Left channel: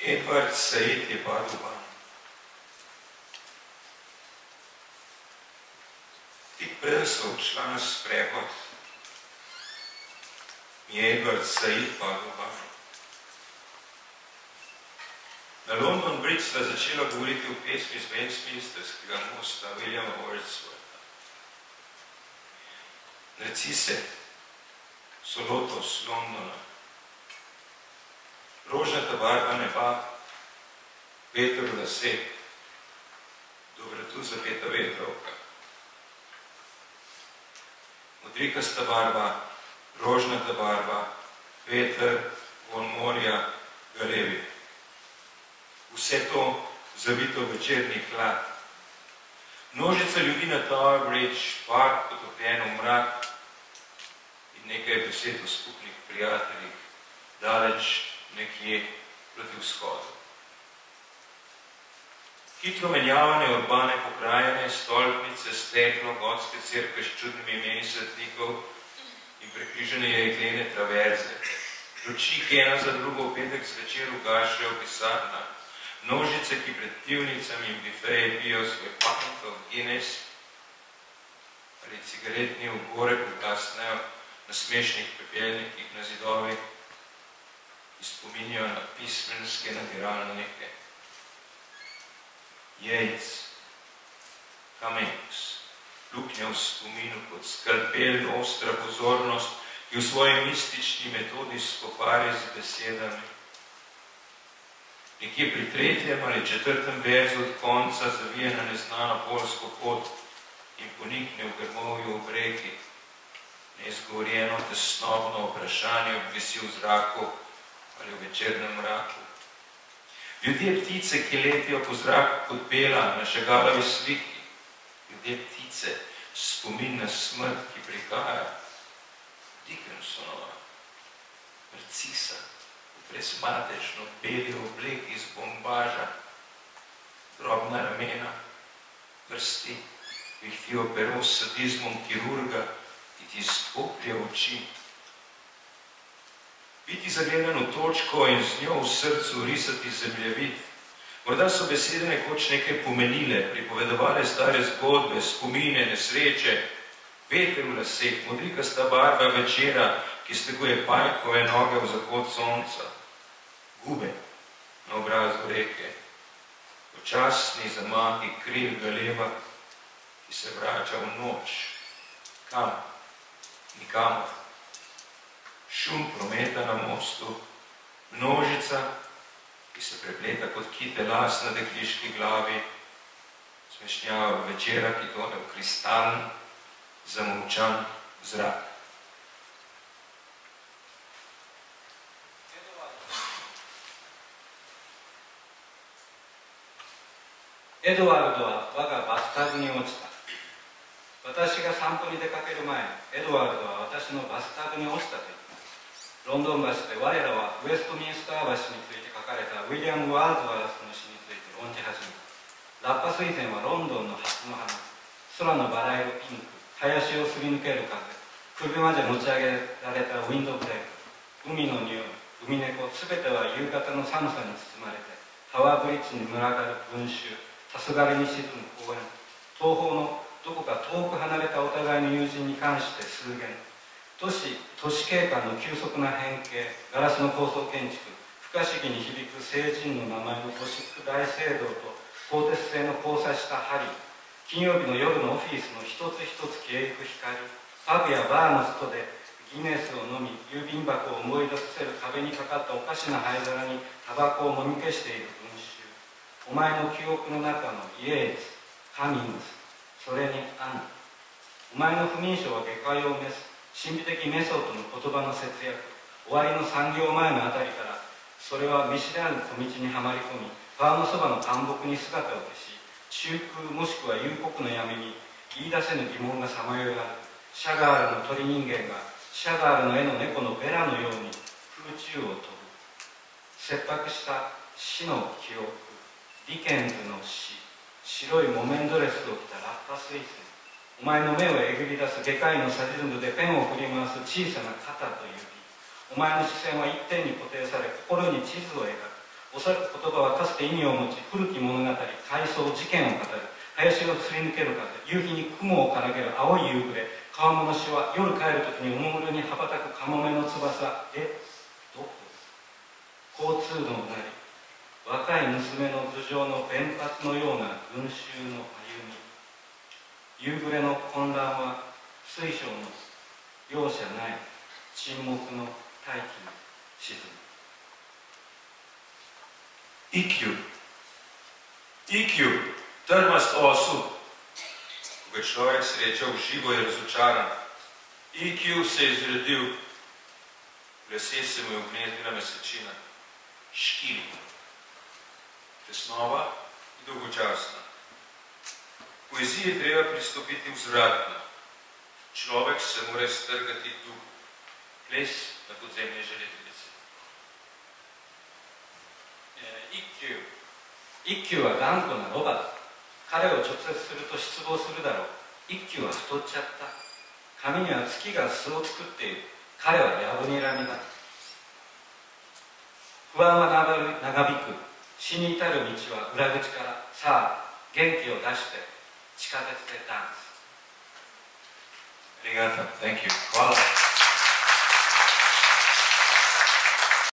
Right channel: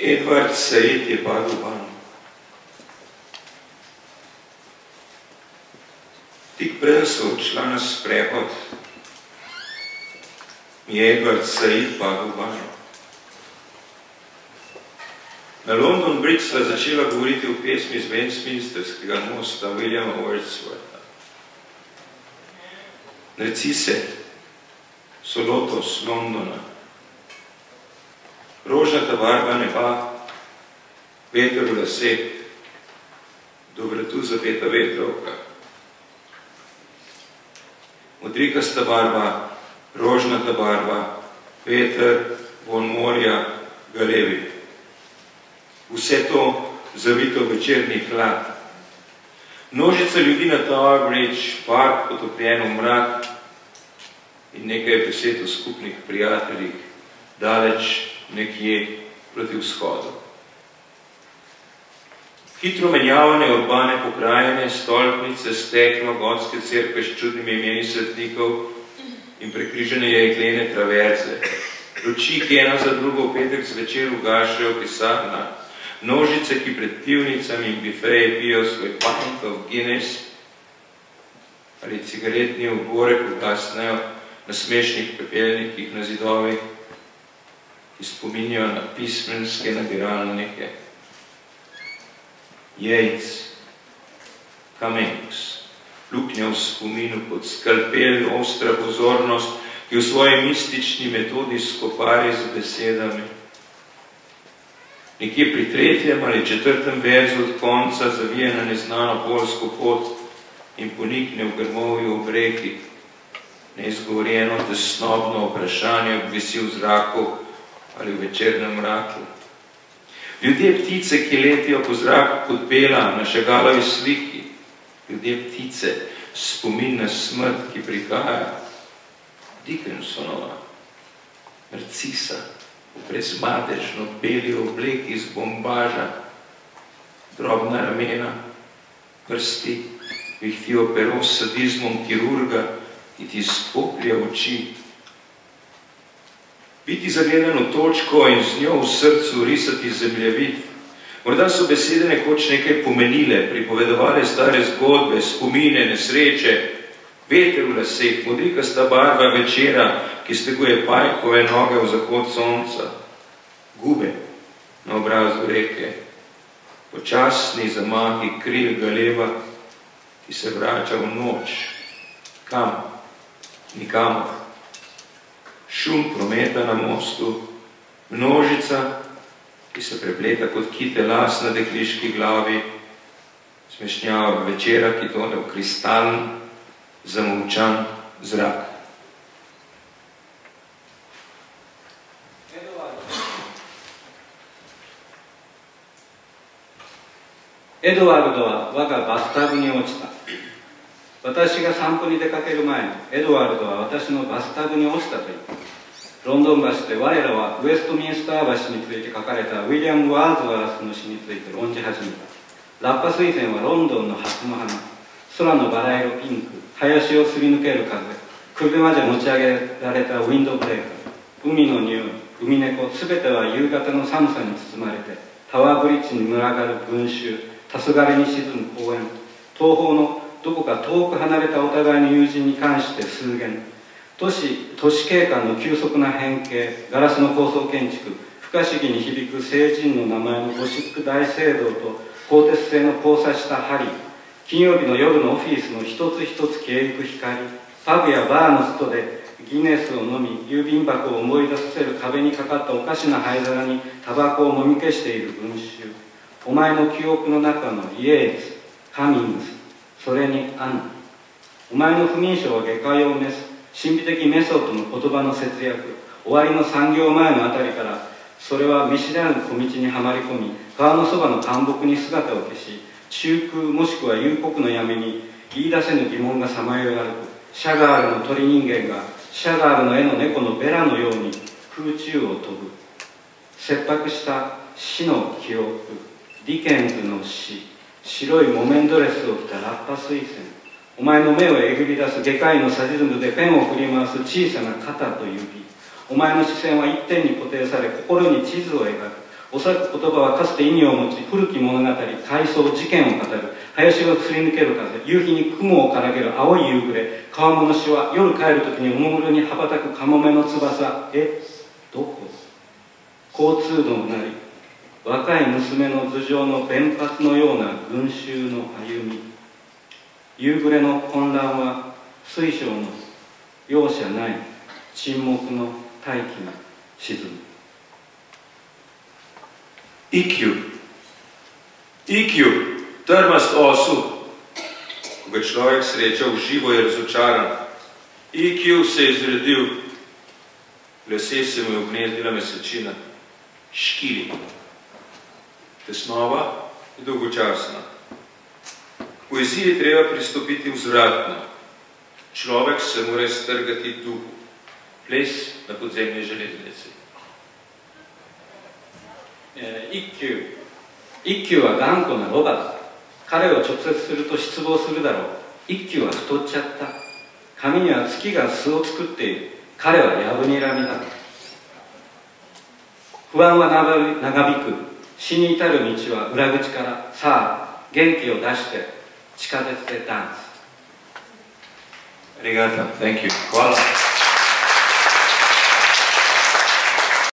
Edward Said je padel van. Tik prej so odšla na sprehod, je Edward Said padel van. Na London Bridge sta začela govoriti o pesmi z Westminsterskega mosta Williama Wordswortha. Narcise so lotos Londona, rožnata barva neba, veter v laseh, do vratu zapeta vetrovka. Modrikasta barva, rožnata barva, veter, von morja, galevi. Vse to zavito v večerni hlad. Množica ljudi na Tower Bridge, park potopljen v mrak in nekaj besed o skupnih prijateljih, daleč nekje proti vzhodu. Hitro menjavane urbane pokrajine, stolpnice, steklo, gotske cerkve s čudnimi imeni svetnikov in prekrižene jeklene traverze. Luči, ki ena za drugo v petek zvečer ugašajo v pisarnah, množice, ki pred pivnicami in bifeji pijo svoj pint of Guinness ali cigaretni ogorek ugasnejo na smešnih pepelnikih na zidovih, ki spominjajo na pismenske nabiralnike. Yates, Cummings, luknja v spominu pod skalpel, ostra pozornost, ki v svoji mistični metodi skopari z besedami. Nekje pri 3. ali 4. verzu od konca zavije na neznano polsko pot in ponikne v grmovju ob reki. Neizgovorjeno tesnobno vprašanje obvisi v zraku ali v večernem mraku. Ljudje ptice, ki letijo po zraku kot bela na Chagalovi sliki. Ljudje ptice, spomin na smrt, ki prihaja. Dickinsonova, Narcisa, v brezmadežno beli obleki iz bombaža, drobna ramena, prsti, vihtijo pero s sadizmom kirurga, ki ti skoplje oči. Biti zagledan v točko in z njo v srcu risati zemljevid. Morda so besede nekoč nekaj pomenile, pripovedovale stare zgodbe, spomine, nesreče, veter v laseh, modrikasta barva večera, ki steguje pajkove noge v zahod sonca, gube na obrazu reke, počasni zamahi kril galeva, ki se vrača v noč. Kam? Nikamor. Šum prometa na mostu, množica, ki se prepleta kot kite las na dekliški glavi, smešnjava večera, ki tone v kristalen, zamolčan zrak.エドワルドは我がバスタブに落ちた。私が散歩に出かける前にエドワルドは私のバスタブに落ちたと言った。ロンドン橋で我らはウェストミンスター橋について書かれたウィリアム・ワーズワースの詩について論じ始めた。ラッパ水仙はロンドンの初の花、空のバラ色ピンク、林をすり抜ける風、首まで持ち上げられたウィンドブレーカー、海の匂い、海猫、すべては夕方の寒さに包まれて、タワーブリッジに群がる群衆、黄昏に沈む公園、東方のどこか遠く離れたお互いの友人に関して数言、都市景観の急速な変形、ガラスの高層建築、不可思議に響く聖人の名前のゴシック大聖堂と鋼鉄製の交差した針、金曜日の夜のオフィスの一つ一つ消えゆく光、パブやバーの外でギネスを飲み、郵便箱を思い出させる壁にかかったおかしな灰皿にタバコをもみ消している群衆、お前の記憶の中のイエーツ、カミングス、それにアンナ。お前の不眠症は下界を召す神秘的メソッドの言葉の節約、終わりの産業前のあたりから、それは見知らぬ小道にはまり込み、川のそばの干木に姿を消し、中空もしくは幽谷の闇に言い出せぬ疑問がさまよい歩く。シャガールの鳥人間がシャガールの絵の猫のベラのように空中を飛ぶ。切迫した死の記憶、ディケンズの死、白い木綿ドレスを着たラッパ水仙、お前の目をえぐり出す外科医のサディズムでペンを振り回す小さな肩と指、お前の視線は一点に固定され心に地図を描く。おそらく言葉はかつて意味を持ち、古き物語、回想、事件を語る。林がすり抜ける風、夕日に雲をからげる青い夕暮れ、川面のしは夜帰るときにおもむろに羽ばたくカモメの翼。どこ？交通のうなり、若い娘の頭上の弁髪のような群衆の歩み。夕暮れの混乱は水晶の容赦ない沈黙の大気に沈む。IQ, trmast osud. Ko ga človek sreča v živo, je razočaran. IQ se je zredil, lase se mu je ugnezdila mesečina. Škili. Tesnova je dolgočasna. K poeziji je treba pristopiti vzvratno. Človek se mora strgati duhu. Ples na podzemni železnici. 一休は頑固なロバだ。彼を直接すると失望するだろう。一休は太っちゃった。髪には月が巣を作っている。彼はやぶにらみだ。不安は長引く。死に至る道は裏口から。さあ、元気を出して地下鉄でダンス。ありがとう。Thank you. Hvala.